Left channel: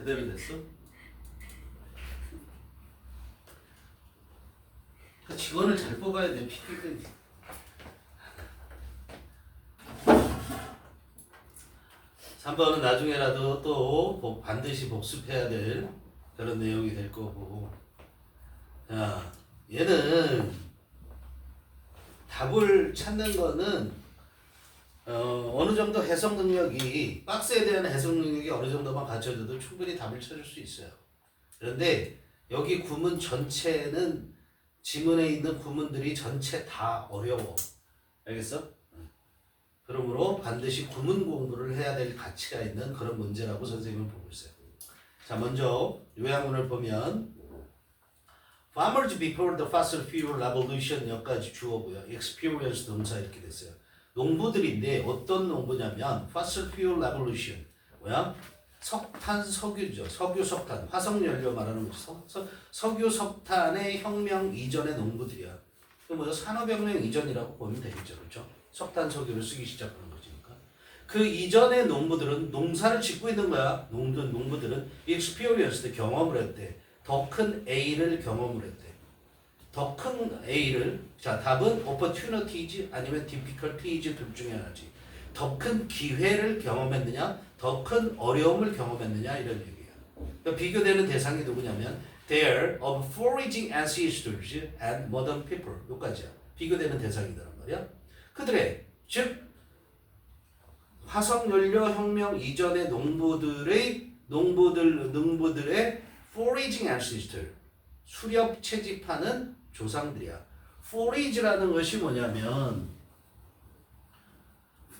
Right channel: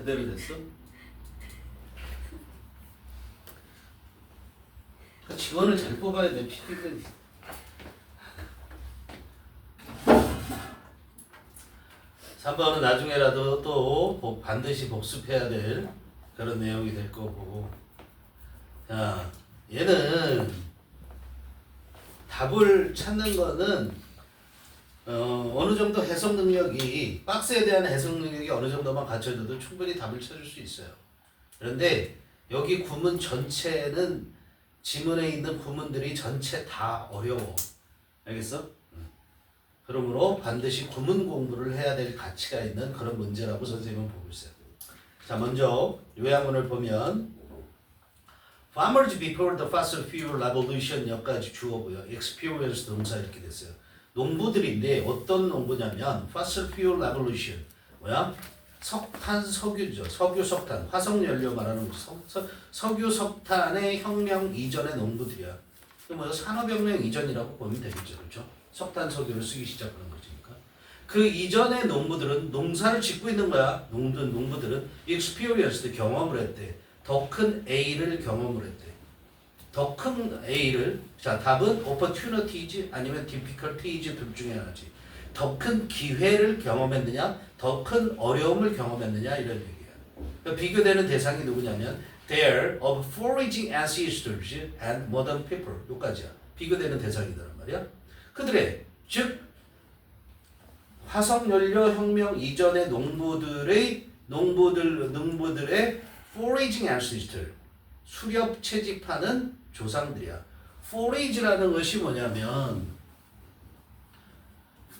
제대로 됐어? 그 직원을 잘 뽑아야 돼. PPT. 3번은 나중에라도 또 반드시 복습해야 될 그런 내용이 될 거고. 자, 얘는 답을 찾는 거는 어느 정도 해석 능력이 박스에 대한 해석 능력이 어느 정도만 갖춰져도 충분히 답을 찾을 수 있어요. 그런데 여기 구문 전체는 지문에 있는 구문들이 전체 다 어려워. 알겠어? 그러므로 반드시 구문 공부를 해야 될 가치가 있는 그런 문제라고 선생님은 보고 있어요. 자, 먼저 요약문을 보면 Farmers before the fossil fuel revolution 여기까지 주어고요. experience 동사 이렇게 됐어요. 농부들인데 어떤 농부냐면 fossil fuel revolution 뭐야? 석탄, 석유죠. 석유, 석탄, 화석연료 말하는 거죠. 석유, 석탄의 혁명 이전의 농부들이야. 그 뭐야? 산업혁명 이전이라고 보면 되겠죠, 그렇죠? 석탄, 석유를 쓰기 시작하는 거니까. 그 이전의 농부들은 농사를 짓고 있는 거야. 농부들은 experienced 경험을 했대. 더 큰 A를 경험을 했대. 더 큰 A를 자 답은 opportunities 아니면 difficulties 둘 중에 하나지. 더 큰 기회를 경험했느냐, 더 큰 어려움을 경험했느냐 이런 얘기야. 그러니까 비교되는 대상이 누구냐면 there of foraging ancestors and modern people 여기까지야. 비교되는 대상이란 말이야. 그들의 즉 화석연료 혁명 이전의 농부들의 foraging ancestor 수렵 채집하는 조상들이야. forage라는 것이 뭐냐면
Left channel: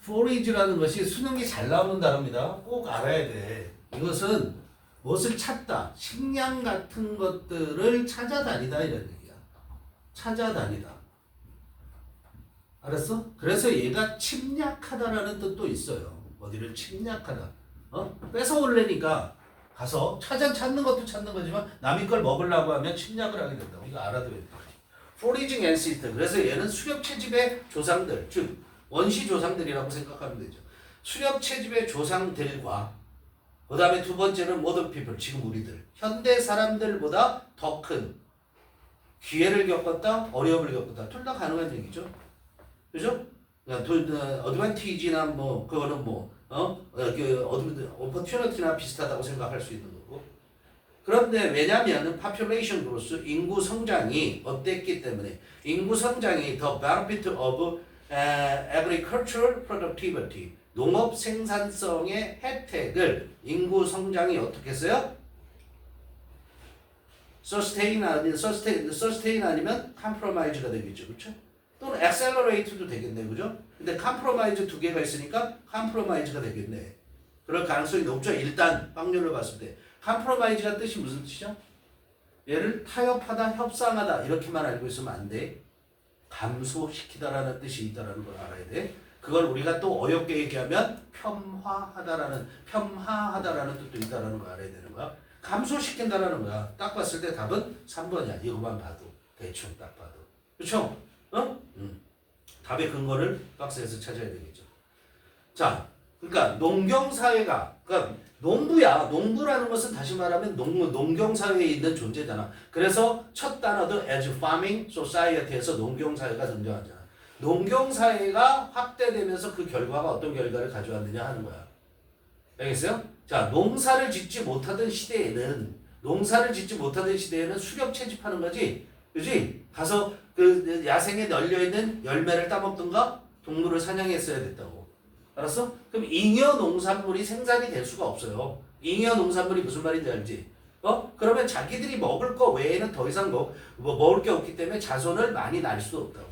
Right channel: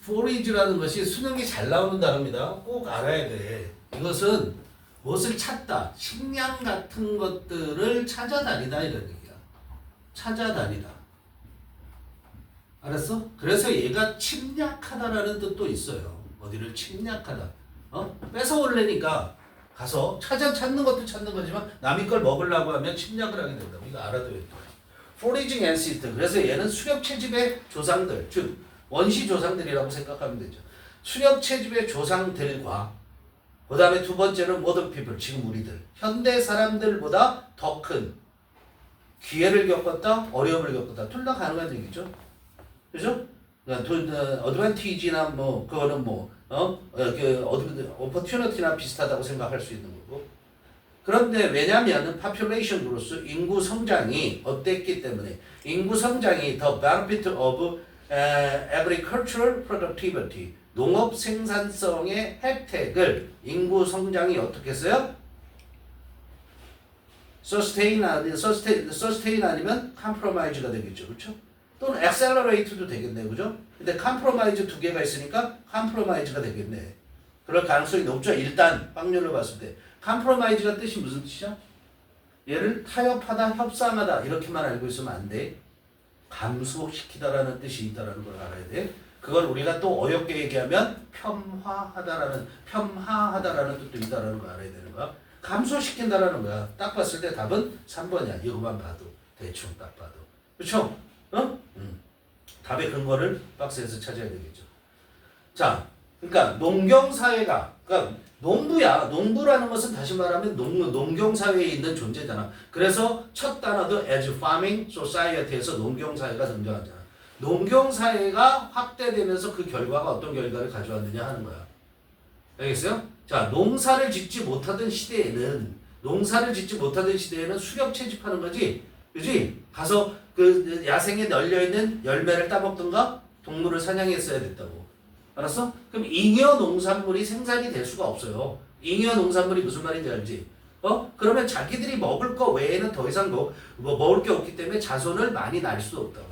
forage라는 것이 수능이 잘 나오는 단어입니다. 꼭 알아야 돼. 이것은 무엇을 찾다, 식량 같은 것들을 찾아다니다 이런 얘기야. 찾아다니다. 알았어? 그래서 얘가 침략하다라는 뜻도 있어요. 어디를 침략하다. 뺏어올래니까 가서 찾는 것도 찾는 거지만 남의 걸 먹으려고 하면 침략을 하게 된다고. 이거 알아둬야 돼. foraging ancestor. 그래서 얘는 수렵 채집의 조상들, 즉 원시 조상들이라고 생각하면 되죠. 수렵 채집의 조상들과 그 다음에 두 번째는 modern people, 지금 우리들. 현대 사람들보다 더 큰 기회를 겪었다, 어려움을 겪었다. 둘 다 가능한 얘기죠. 그죠? 어드밴티지나 뭐 그거는 opportunity나 비슷하다고 생각할 수 있는 거고. 그런데 왜냐하면 population growth 인구 성장이 어땠기 때문에 인구 성장이 the benefit of agricultural productivity 농업 생산성의 혜택을 인구 성장이 어떻게 했어요? sustain 아니면 compromise가 되겠죠, 그렇죠? 또는 accelerate도 되겠네, 그죠? 근데 compromise 두 개가 있으니까 compromise가 되겠네. 그럴 가능성이 높죠. 일단 확률을 봤을 때 compromise가 뜻이 무슨 뜻이야? 얘를 타협하다, 협상하다 이렇게만 알고 있으면 안 돼. 감소시키다라는 뜻이 있다라는 걸 알아야 돼. 그걸 우리가 또 어렵게 얘기하면 폄하하다라는 뜻도 있다라는 걸 알아야 되는 거야. 감소시킨다라는 거야. 딱 봤을 때 답은 3번이야. 이거만 봐도 대충 딱 봐도. 그렇죠? 답의 근거를 박스에서 찾아야 되겠죠. 자, 그러니까 농경사회가, 그러니까 농부야. 농부라는 것은 다시 말하면 농경사회에 있는 존재잖아. 그래서 첫 단어도 as farming society에서 농경사회가 등장하잖아. 농경사회가 확대되면서 그 결과가 어떤 결과를 가져왔느냐 하는 거야. 알겠어요? 자, 농사를 짓지 못하던 시대에는 수렵 채집하는 거지. 그지? 가서 그 야생에 널려있는 열매를 따먹든가 동물을 사냥했어야 됐다고. 알았어? 그럼 잉여 농산물이 생산이 될 수가 없어요. 잉여 농산물이 무슨 말인지 알지? 그러면 자기들이 먹을 거 외에는 더 이상 먹을 게 없기 때문에 자손을 많이 낳을 수도 없다고.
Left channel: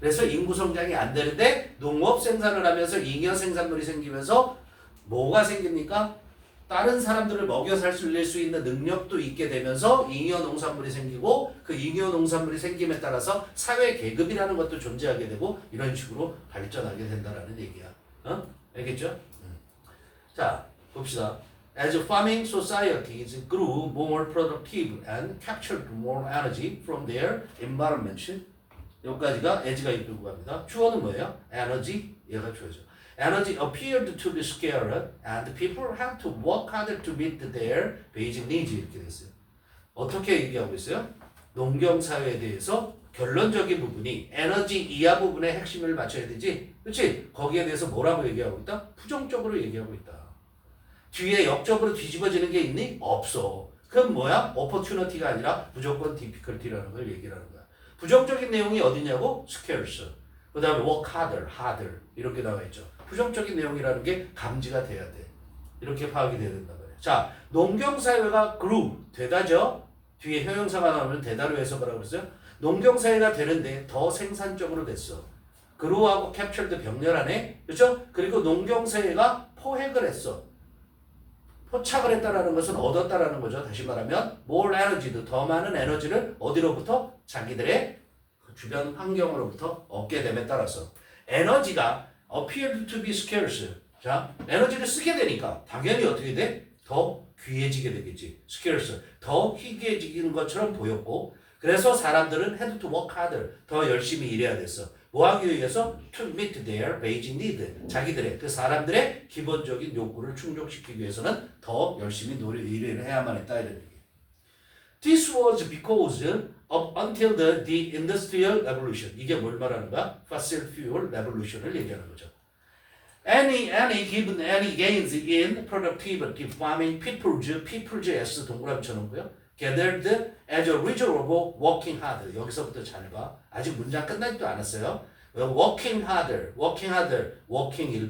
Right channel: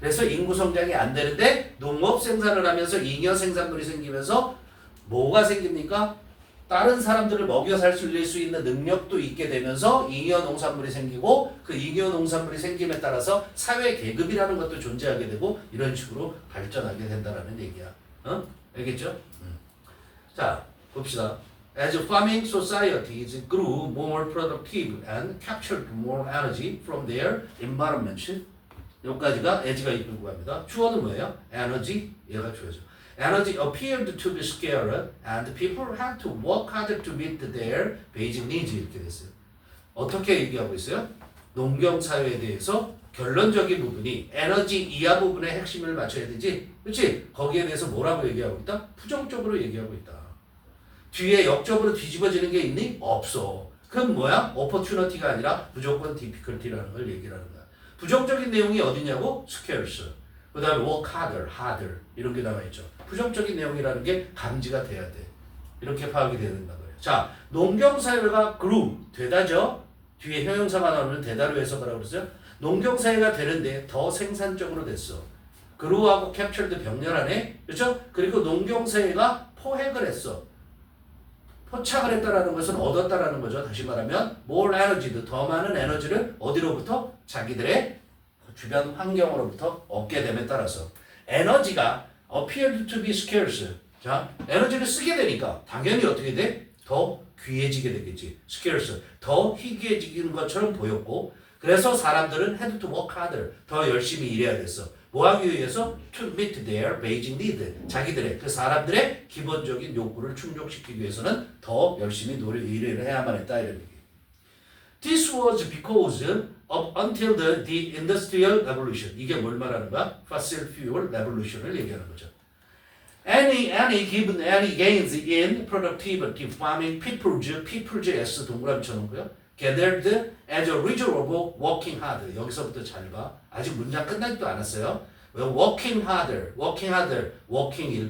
그래서 인구 성장이 안 되는데 농업 생산을 하면서 잉여 생산물이 생기면서 뭐가 생깁니까? 다른 사람들을 먹여 살 수 있는 능력도 있게 되면서 잉여 농산물이 생기고 그 잉여 농산물이 생김에 따라서 사회 계급이라는 것도 존재하게 되고 이런 식으로 발전하게 된다라는 얘기야. 알겠죠? 자, 봅시다. As farming societies grew more productive and captured more energy from their environment. 여기까지가 as가 이끌고 갑니다. 주어는 뭐예요? energy. 얘가 주어죠. Energy appeared to be scarce and people had to work harder to meet their basic needs 이렇게 됐어요. 어떻게 얘기하고 있어요? 농경 사회에 대해서 결론적인 부분이 에너지 이하 부분의 핵심을 맞춰야 되지. 그렇지? 거기에 대해서 뭐라고 얘기하고 있다? 부정적으로 얘기하고 있다. 뒤에 역적으로 뒤집어지는 게 있니? 없어. 그럼 뭐야? opportunity가 아니라 무조건 difficulty라는 걸 얘기하는 거야. 부정적인 내용이 어디냐고? scarce. 그 다음에 work harder 이런 게 나와 있죠. 부정적인 내용이라는 게 감지가 돼야 돼. 이렇게 파악이 돼야 된다 그래요. 자, 농경사회가 grew 되다죠. 뒤에 형용사가 나오면 되다로 해석을 하고 있어요. 농경사회가 되는데 더 생산적으로 됐어. grew하고 captured 병렬하네. 그렇죠? 그리고 농경사회가 포획을 했어. 포착을 했다라는 것은 얻었다라는 거죠. 다시 말하면 more energy, 더 많은 에너지를 어디로부터? 자기들의 주변 환경으로부터 얻게 됨에 따라서 에너지가 appeared to be scarce. 자, 에너지를 쓰게 되니까 당연히 어떻게 돼? 더 귀해지게 되겠지. scarce. 더 희귀해지는 것처럼 보였고 그래서 사람들은 had to work harder. 더 열심히 일해야 됐어. 뭐 하기 위해서? to meet their basic need. 자기들의 그 사람들의 기본적인 욕구를 충족시키기 위해서는 더 열심히 일을 해야만 했다 이런 얘기. This was because up until the industrial revolution. 이게 뭘 말하는 거야? Fossil fuel revolution을 얘기하는 거죠. Any gains in productivity, farming, people's S 동그라미처럼 고요. Gathered as a result of working hard. 여기서부터 잘 봐. 아직 문장 끝나지도 않았어요. working harder, working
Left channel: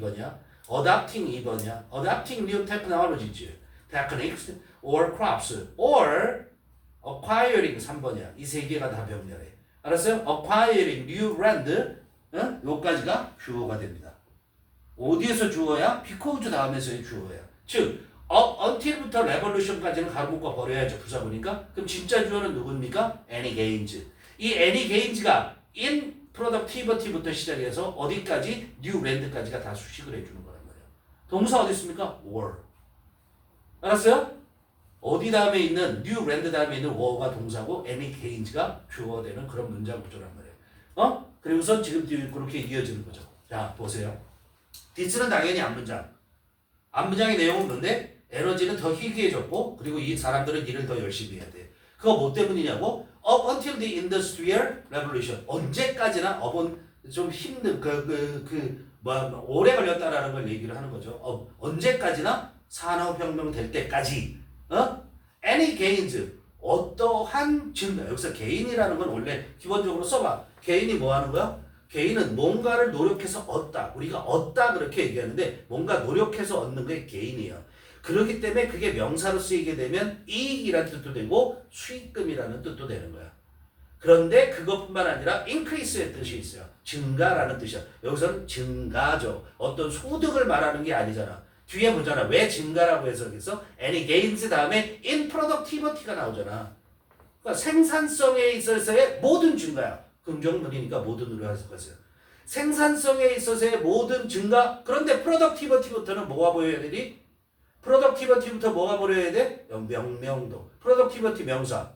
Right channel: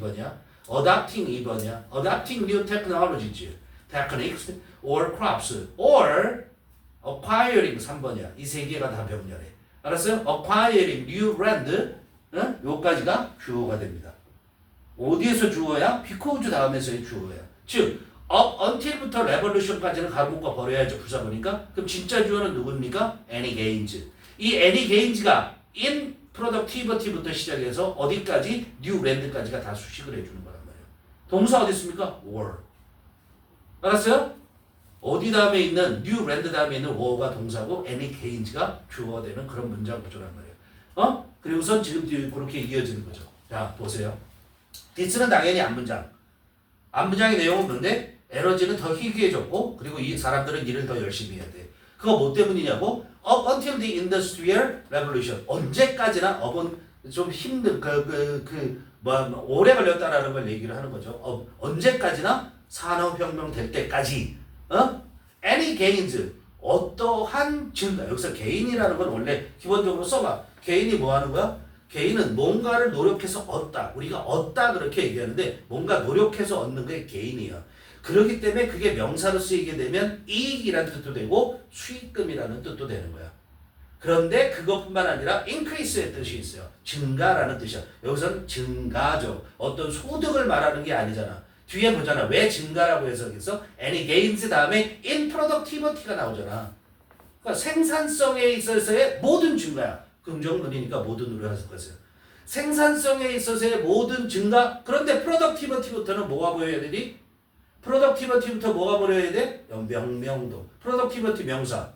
1번이야. adopting 2번이야. adopting new techniques or crops or acquiring 3번이야. 이 세 개가 다 병렬해. 알았어요? acquiring new land 요까지가 주어가 됩니다. 어디에서 주어야? because 다음에서의 주어야. 즉 up until부터 revolution까지는 가문과 버려야죠. 부사보니까. 그럼 진짜 주어는 누굽니까? any gains. 이 any gains가 in productivity부터 시작해서 어디까지? new land까지가 다 수식을 해주는 거란 말이에요. 동사 어디 있습니까? were. 알았어요? 어디 다음에 있는 new land 다음에 있는 were가 동사고 any gains가 주어가 되는 그런 문장 구조란 말이에요. 그리고선 지금 그렇게 이어지는 거죠. 자, 보세요. this는 당연히 앞문장. 앞문장의 내용은 뭔데? 에너지는 더 희귀해졌고 그리고 이 사람들은 일을 더 열심히 해야 돼. 그거 뭐 때문이냐고? Up until the Industrial Revolution. 언제까지나 up은 좀 힘든 오래 걸렸다라는 걸 얘기를 하는 거죠. 언제까지나 산업혁명 될 때까지. Any gains. 어떠한 증가. 여기서 개인이라는 건 원래 기본적으로 써봐. 개인이 뭐 하는 거야? 개인은 뭔가를 노력해서 얻다. 우리가 얻다 그렇게 얘기하는데 뭔가 노력해서 얻는 게 개인이야. 그렇기 때문에 그게 명사로 쓰이게 되면 이익이라는 뜻도 되고 수익금이라는 뜻도 되는 거야. 그런데 그것뿐만 아니라 increase의 뜻이 있어요. 증가라는 뜻이야. 여기서는 증가죠. 어떤 소득을 말하는 게 아니잖아. 뒤에 보잖아. 왜 증가라고 해석했어? any gains 다음에 in productivity가 나오잖아. 그러니까 생산성에 있어서의 모든 증가야. 긍정문이니까 모든으로 해석하세요. 생산성에 있어서의 모든 증가. 그런데 productivity부터는 뭐가 보여야 되니? productivity부터 뭐가 보여야 돼? 명도. productivity 명사.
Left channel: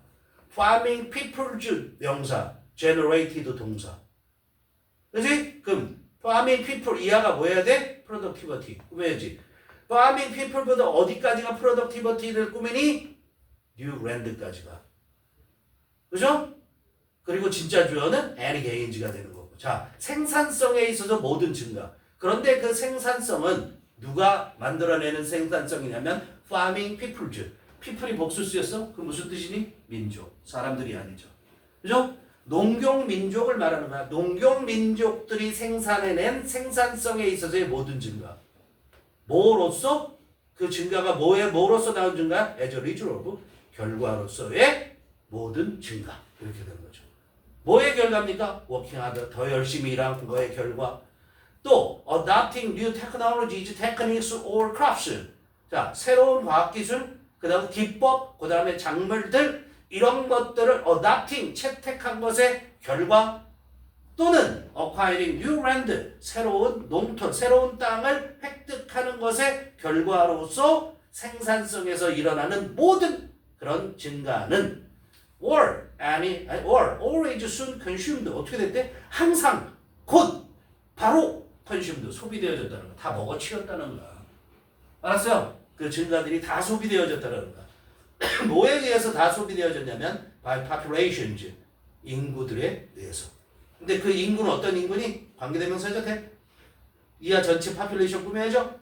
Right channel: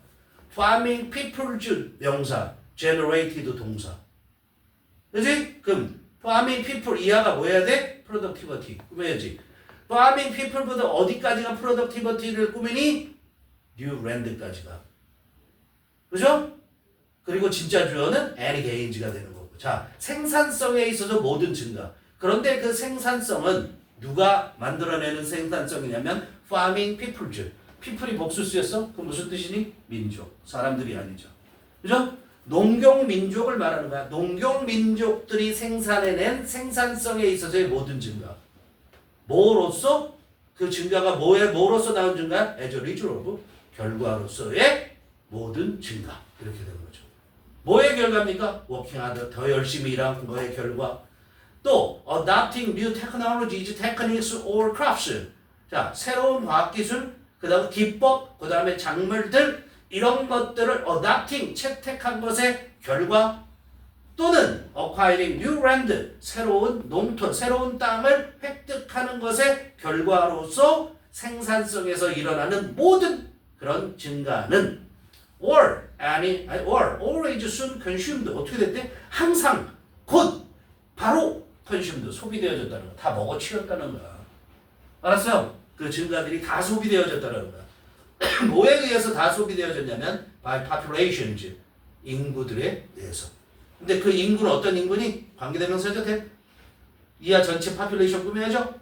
farming people's 명사. generated 동사. 그치? 그럼 farming people 이하가 뭐 해야 돼? productivity. 꾸며야지. farming people보다 어디까지가 productivity를 꾸미니? new land까지가. 그죠? 그리고 진짜 주어는 any gains가 되는 거고. 자, 생산성에 있어서 모든 증가. 그런데 그 생산성은 누가 만들어내는 생산성이냐면 farming people's. people이 복수 쓰였어? 그 무슨 뜻이니? 민족. 사람들이 아니죠. 그죠? 농경민족을 말하는 거야. 농경민족들이 생산해낸 생산성에 있어서의 모든 증가. 뭐로써? 그 증가가 뭐로써 나온 증가야? as a result of 결과로서의 모든 증가. 이렇게 되는 거죠. 뭐의 결과입니까? working hard, 더 열심히 일하는 거의 결과. 또 adopting new technologies, techniques or crafts. 자, 새로운 과학기술, 그 다음 기법, 그 다음에 작물들 이런 것들을 adopting, 채택한 것의 결과 또는 acquiring new land, 새로운 농토, 새로운 땅을 획득하는 것의 결과로서 생산성에서 일어나는 모든 그런 증가는 or always soon consumed 어떻게 됐대? 항상 곧 바로 컨슘도 소비되어졌다는 거. 다 먹어치웠다는 거야. 알았어요? 그 증가들이 다 소비되어졌다는 거야. 뭐에 의해서 다 소비되어졌냐면 by populations, 인구들에 의해서. 근데 그 인구는 어떤 인구니? 관계대명사죠. 이하 전체 population 꾸며야죠.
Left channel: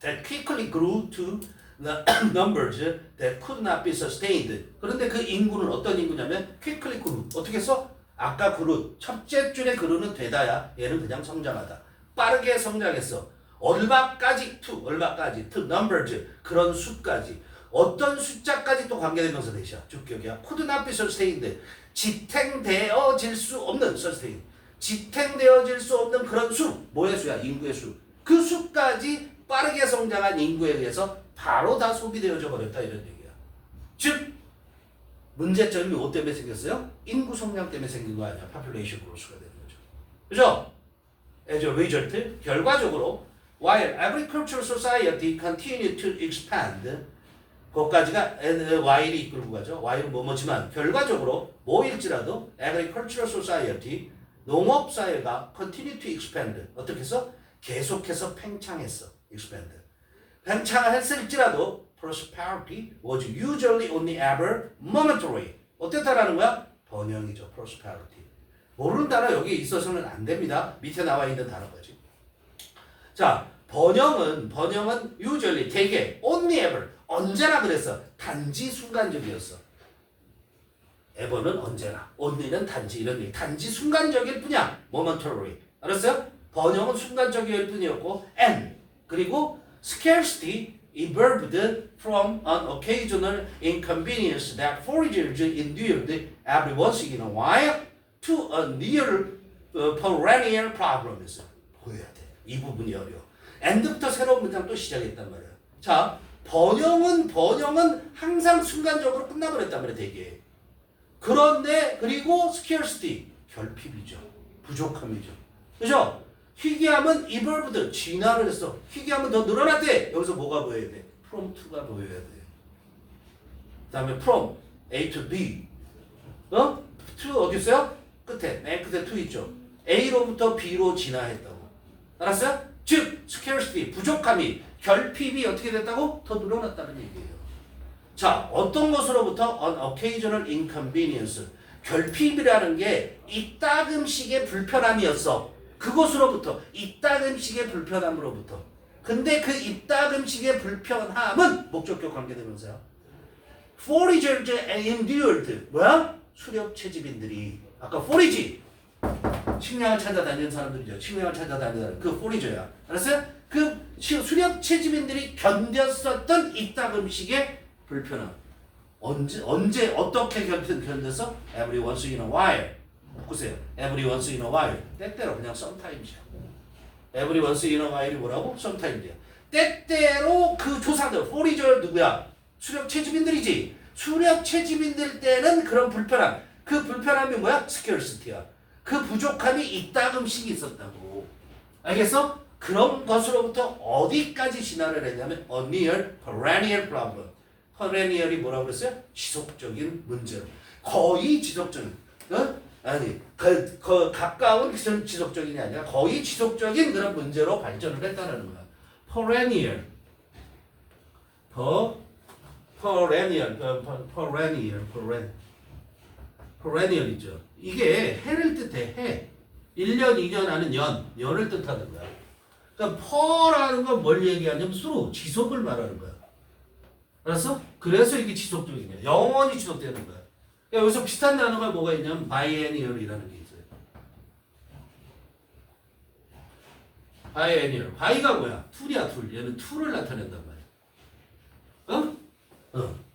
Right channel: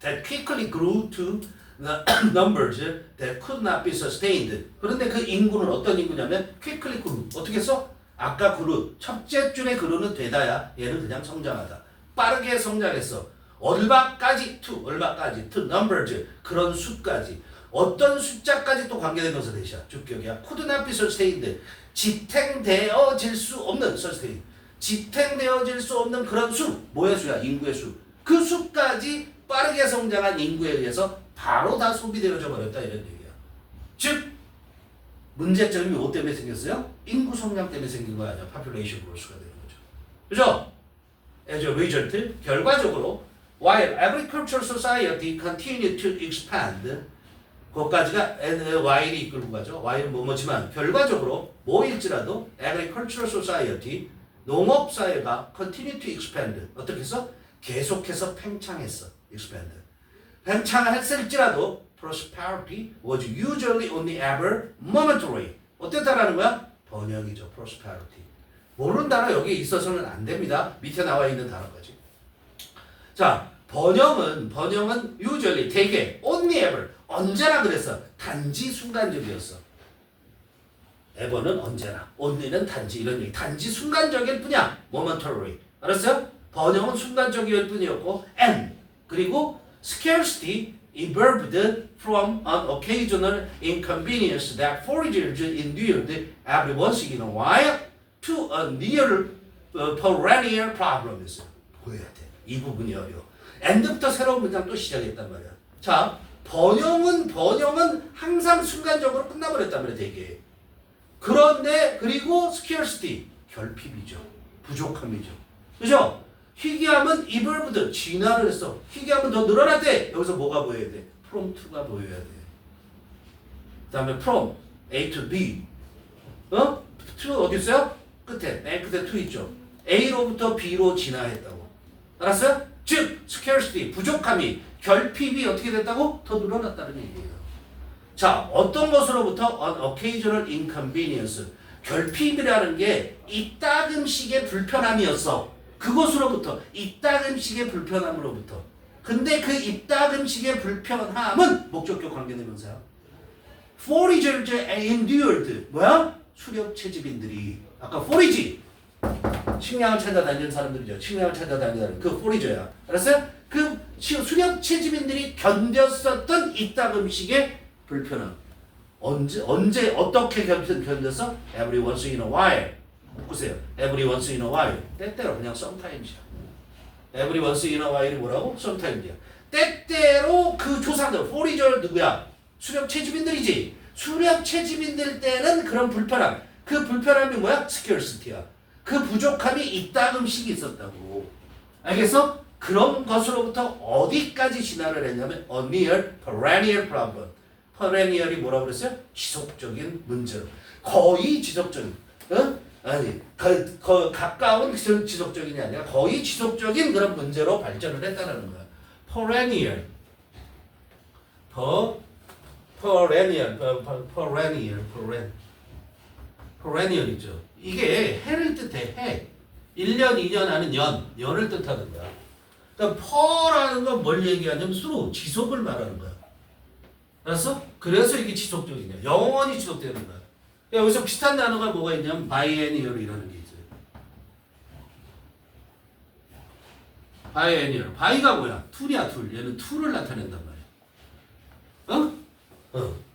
That quickly grew to the numbers that could not be sustained. 그런데 그 인구는 어떤 인구냐면 quickly grew. 어떻게 써? 아까 grew. 첫째 줄의 grew는 되다야. 얘는 그냥 성장하다. 빠르게 성장했어. 얼마까지 to numbers. 그런 수까지. 어떤 숫자까지 또 관계대명사 대시야. 주격이야. could not be sustained. 지탱되어질 수 없는 sustain. 지탱되어질 수 없는 그런 수. 뭐의 수야? 인구의 수. 그 수까지 빠르게 성장한 인구에 의해서 바로 다 소비되어져 버렸다 이런 얘기야. 즉 문제점이 뭐 때문에 생겼어요? 인구 성장 때문에 생긴 거 아니야. population growth가 되는 거죠. 그죠? as a result, 결과적으로 while agricultural society continued to expand, 그것까지가 while이 이끌고 가죠. while은 뭐뭐지만 결과적으로 뭐일지라도 agricultural society, 농업사회가 continue to expand. 어떻게 해서? 계속해서 팽창했어. expand. 팽창을 했을지라도 prosperity was usually only ever momentary. 어땠다라는 거야? 번영이죠. prosperity. 모르는 단어 여기에 있어서는 안 됩니다. 밑에 나와 있는 단어까지. 자, 번영은 usually 대개 only ever 언제나 그랬어. 단지 순간적이었어. ever는 언제나, only는 단지 이런 얘기. 단지 순간적일 뿐이야. momentary. 알았어요? 번영은 순간적일 뿐이었고 and 그리고 scarcity evolved from an occasional inconvenience that foragers endured every once in a while to a near perennial problem. 보여야 돼. 이 부분이 어려워. end부터 새로운 문장 또 시작했단 말이야. 자, 번영은 항상 순간적으로 끝나버렸단 말이야, 되게. 그런데 그리고 scarcity 결핍이죠. 부족함이죠. 그죠? 희귀함은 evolved 진화를 했어. 희귀함은 더 늘어났대. 여기서 뭐가 보여야 돼? from to가 보여야 돼. 그 다음에 from A to B. to 어디 있어요? 끝에. 맨 끝에 to 있죠. A로부터 B로 진화했다고. 알았어요? 즉 scarcity 부족함이 결핍이 어떻게 됐다고? 더 늘어났다는 얘기예요. 자, 어떤 것으로부터 an occasional inconvenience. 결핍이라는 게 이따금씩의 불편함이었어. 그것으로부터 이따금씩의 불편함으로부터. 근데 그 이따금씩의 불편함은 목적격 관계대명사야. foragers endured 뭐야? 수렵 채집인들이 아까 forage 식량을 찾아다니는 사람들이죠. 식량을 찾아다니는 그 forager야. 알았어요? 그 수렵 채집인들이 견뎠었던 이따금씩의 불편함. 언제 어떻게 견뎠어? Every once in a while. 보세요. Every once in a while. 때때로 그냥 sometimes이야. Every once in a while이 뭐라고? sometimes이야. 때때로 그 조상들, forager 누구야? 수렵 채집인들이지. 수렵 채집인들 때는 그런 불편함. 그 불편함이 뭐야? scarcity야. 그 부족함이 이따금씩 있었다고. 알겠어? 그런 것으로부터 어디까지 진화를 했냐면 a near perennial problem. perennial이 뭐라고 그랬어요? 지속적인 문제. 거의 지속적인. 아니, 가까운 지속적인이 아니라 거의 지속적인 그런 문제로 발전을 했다는 거야. perennial. perennial이죠. 이게 해를 뜻해. 해. 1년, 2년 하는 연을 뜻하는 거야. 그러니까 per라는 건 뭘 얘기하냐면 through, 지속을 말하는 거야. 알았어? 그래서 이게 지속적인 거야. 영원히 지속되는 거야. 여기서 비슷한 단어가 뭐가 있냐면 biennial이라는 게 있어요. biennial. by가 뭐야? 툴이야, 툴. 얘는 툴을 나타낸단 말이야.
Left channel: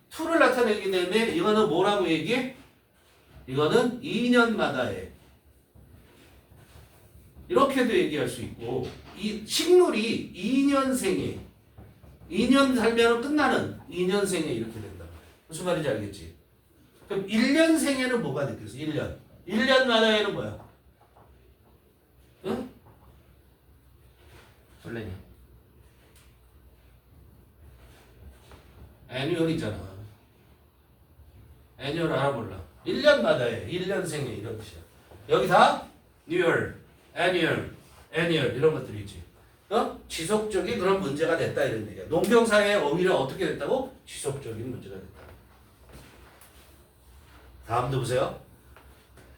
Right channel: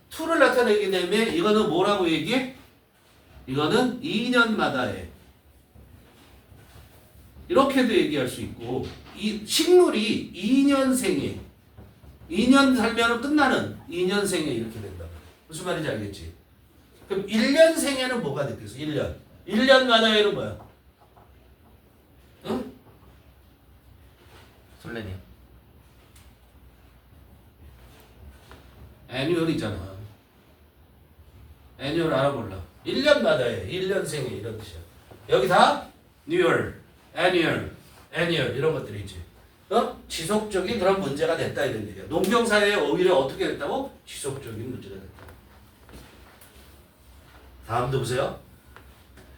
툴을 나타내기 때문에 이거는 뭐라고 얘기해? 이거는 2년마다의 이렇게도 얘기할 수 있고 이 식물이 2년생에 2년 살면 끝나는 2년생에 이렇게 된다. 무슨 말인지 알겠지? 그럼 1년생에는 뭐가 느꼈어? 1년. 1년마다에는 뭐야? 응? 설레네요. annual이잖아. annual 알아볼라. 1년마다에 1년생에 이런 뜻이야. 여기 다 new year, annual, annual 이런 것들이지. 지속적인 그런 문제가 됐다 이런 얘기야. 농경사회에 오히려 어떻게 됐다고? 지속적인 문제가 됐다. 다음도 보세요.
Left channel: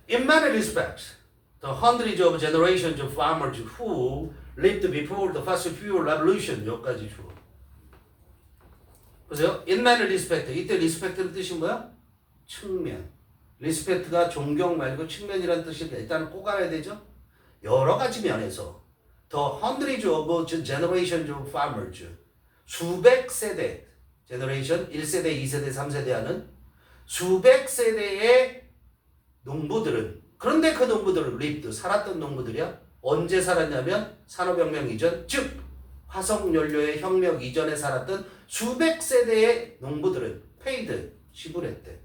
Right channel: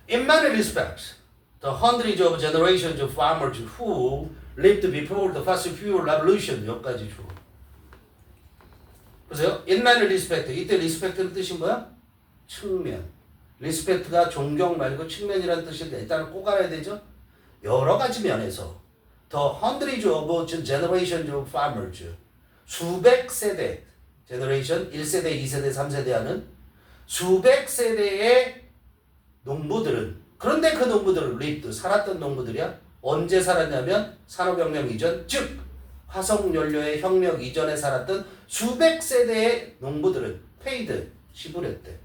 In many respects, the hundreds of generations of farmers who lived before the fossil fuel revolution 여기까지 줘. 보세요. In many respects. 이때 respect는 뜻이 뭐야? 측면. respect가 존경 말고 측면이라는 뜻인데 일단 꼭 알아야 되죠. 여러 가지 면에서 the hundreds of generations of farmers 수백 세대 generation 1세대, 2세대, 3세대 하는 수백 세대의 농부들은 그런데 그 농부들은 lived 살았던 농부들이야. 언제 살았냐면 산업혁명 이전 즉 화석연료의 혁명 이전에 살았던 수백 세대의 농부들은 paid 지불했대.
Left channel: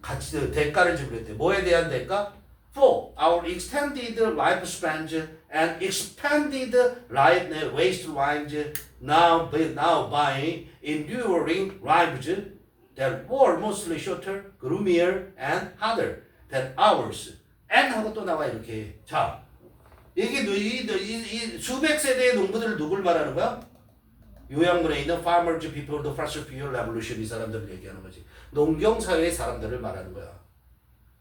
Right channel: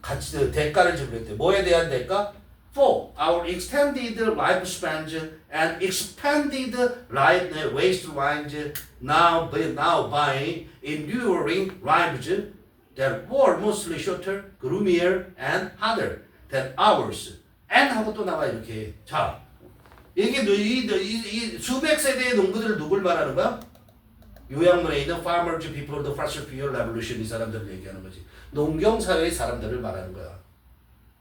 같이 대가를 지불했대. 뭐에 대한 대가? For our extended lifespans and expanded waste lines now by enduring lives that were mostly shorter, gloomier, and harder than ours. And 하고 또 나와 이렇게. 자, 이게 이 수백 세대의 농부들을 누굴 말하는 거야? 요약문에 있는 farmers before the fossil fuel revolution 이 사람들을 얘기하는 거지. 농경사회의 사람들을 말하는 거야.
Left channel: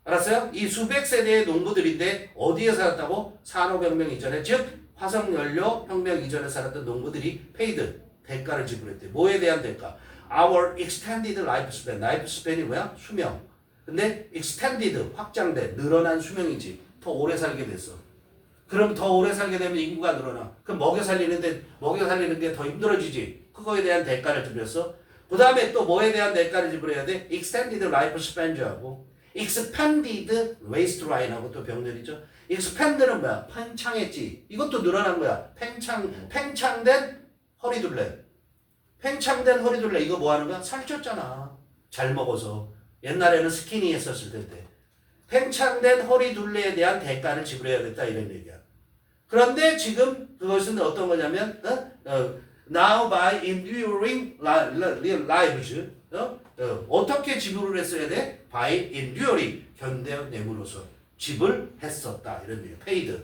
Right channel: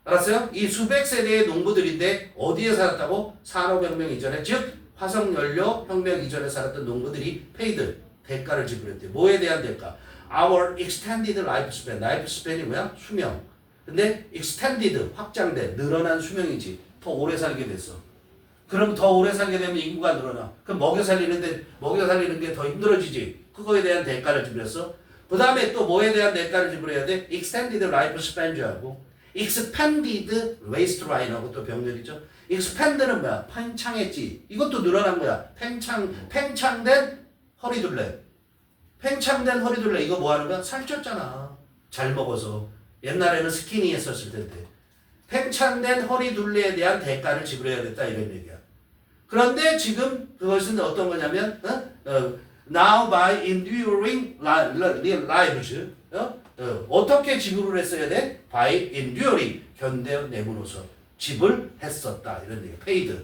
알았어요? 이 수백 세대의 농부들인데 어디에 살았다고? 산업혁명 이전에 즉 화석연료 혁명 이전에 살았던 농부들이 paid 대가를 지불했대. 뭐에 대한 대가? Our extended lifespan. lifespan이 뭐야? 수명. 근데 extended 확장된 늘어난 수명이지. 더 오래 살게 됐어. 그럼 더 오래 살게 되면 인구가 늘어나. 그럼 먹여 살리는 게 더 힘들어지지. 그거에 대한 대가를 지불했어. 그 다음에 또 뭐에 대한 대가를 지불해야 돼? extended lifespan하고 expanded waistline하고 또 병렬이죠. expand는 뭐야? 팽창했지. 이것도 늘어난 거야. 팽창된 허리둘레. 팽창된 허리둘레 이거 뭐 하는 거야? 살쪘잖아. 잘 먹어서. 옛날에는 스키니 했었을 텐데. 팽창된 허리둘레에 대한 대가를 지불해야겠다 이런 얘기야. 그런데 지금 그것은 어떤 거냐면 now by enduring lives 어떻게 지불을 했어야 돼? by enduring 견뎌내므로써 지불했었다 이런 얘기. paid.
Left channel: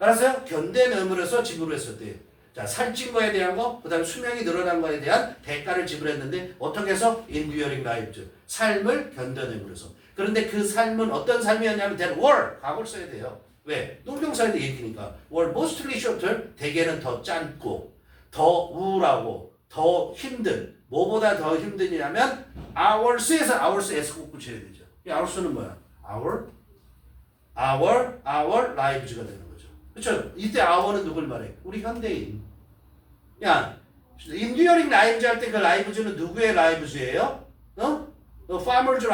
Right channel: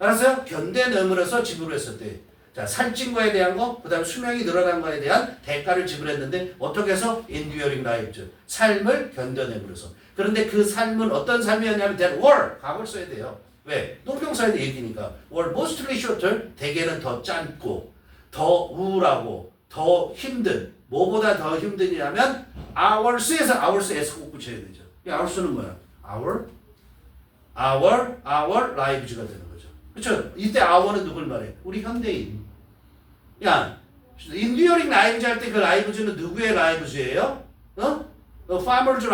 알았어요? 견뎌내므로써 지불을 했었대. 자, 살찐 거에 대한 거, 그 다음 수명이 늘어난 거에 대한 대가를 지불했는데 어떻게 해서 enduring lives 삶을 견뎌내므로써. 그런데 그 삶은 어떤 삶이었냐면 that were 과거를 써야 돼요. 왜? 농경사회의 얘기니까. were mostly shorter 대개는 더 짧고 더 우울하고 더 힘든 뭐보다 더 힘드냐면 hours에서 hours s 꼭 붙여야 되죠. 이 hours는 뭐야? our lives가 되는 거죠. 그렇죠? 이때 hour는 누굴 말해? 우리 현대인. 야, enduring lives 할 때 그 lives는 누구의 lives예요? farmers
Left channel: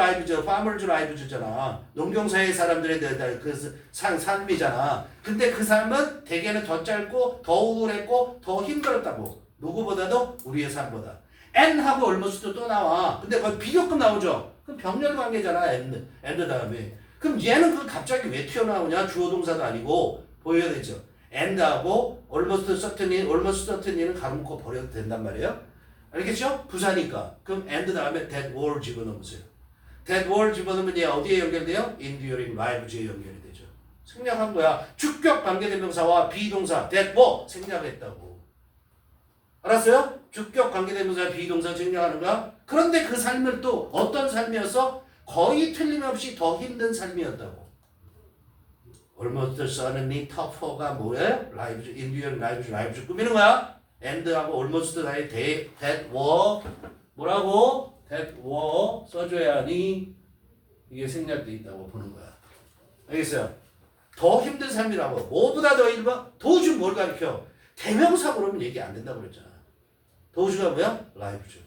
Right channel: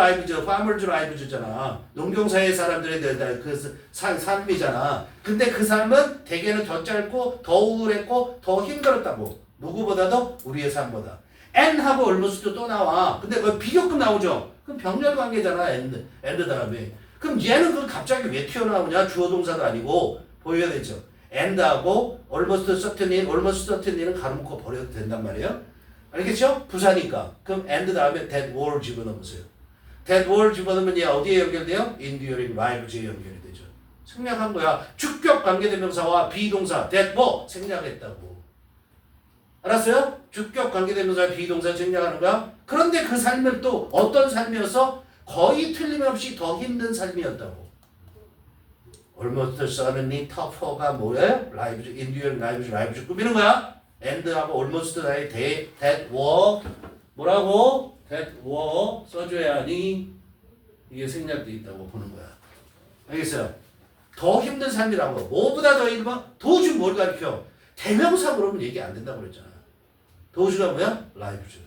lives잖아. 농경사회 사람들에 대한 그 삶이잖아. 근데 그 삶은 대개는 더 짧고 더 우울했고 더 힘들었다고. 누구보다도 우리의 삶보다. and하고 almost도 또 나와. 근데 거기 비교급 나오죠. 그럼 병렬 관계잖아. and 다음에. 그럼 얘는 그 갑자기 왜 튀어나오냐? 주어 동사도 아니고 보여야 되죠. and하고 almost certainly는 가로놓고 버려도 된단 말이에요. 알겠죠? 부사니까. 그럼 and 다음에 that were 집어넣으세요. that were 집어넣으면 얘 어디에 연결돼요? enduring lives에 연결이 되죠. 생략한 거야. 주격 관계대명사와 비동사 that were 생략했다고. 알았어요? 주격 관계대명사 비동사 생략하는 거야. 그런데 그 삶은 또 어떤 삶이었어? 거의 틀림없이 더 힘든 삶이었다고. almost certainly tougher가 뭐예요? lives, enduring lives 꾸미는 거야. and하고 almost 다에 that were 뭐라고? that were 써줘야 하니 이게 생략돼 있다고 보는 거야. 알겠어요? 더 힘든 삶이라고. 뭐보다 더 힘든 도주 뭘 가르쳐? 대명사 그러면 얘기 안 된다고 그랬잖아. 도주가 뭐야? lives.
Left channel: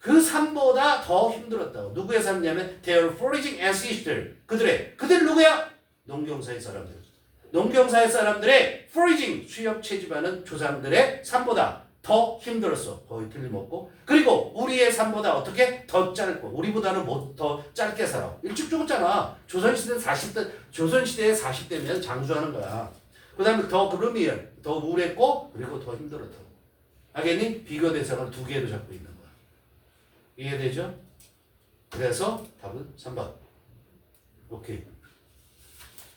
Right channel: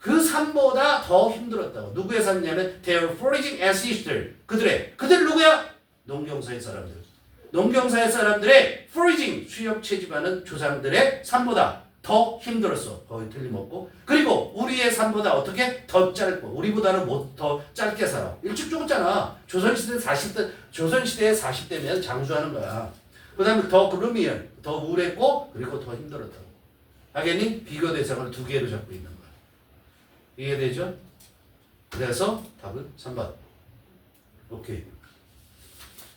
그 삶보다 더 힘들었다고. 누구의 삶이냐면 their foraging ancestors. 그들 누구야? 농경사의 사람들. 농경사의 사람들의 foraging 수렵 채집하는 조상들의 삶보다 더 힘들었어. 거의 틀림없고. 그리고 우리의 삶보다 어떻게? 더 짧고. 우리보다는 더 짧게 살아. 일찍 죽었잖아. 조선시대에 40대면 장수하는 거야. 그 다음에 더 gloomier, 더 우울했고 그리고 더 힘들었다고. 알겠니? 비교 대상을 두 개로 잡고 있는 거야. 이해되죠? 그래서 답은 3번. 오케이.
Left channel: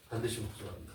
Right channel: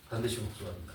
반드시 복수합니다.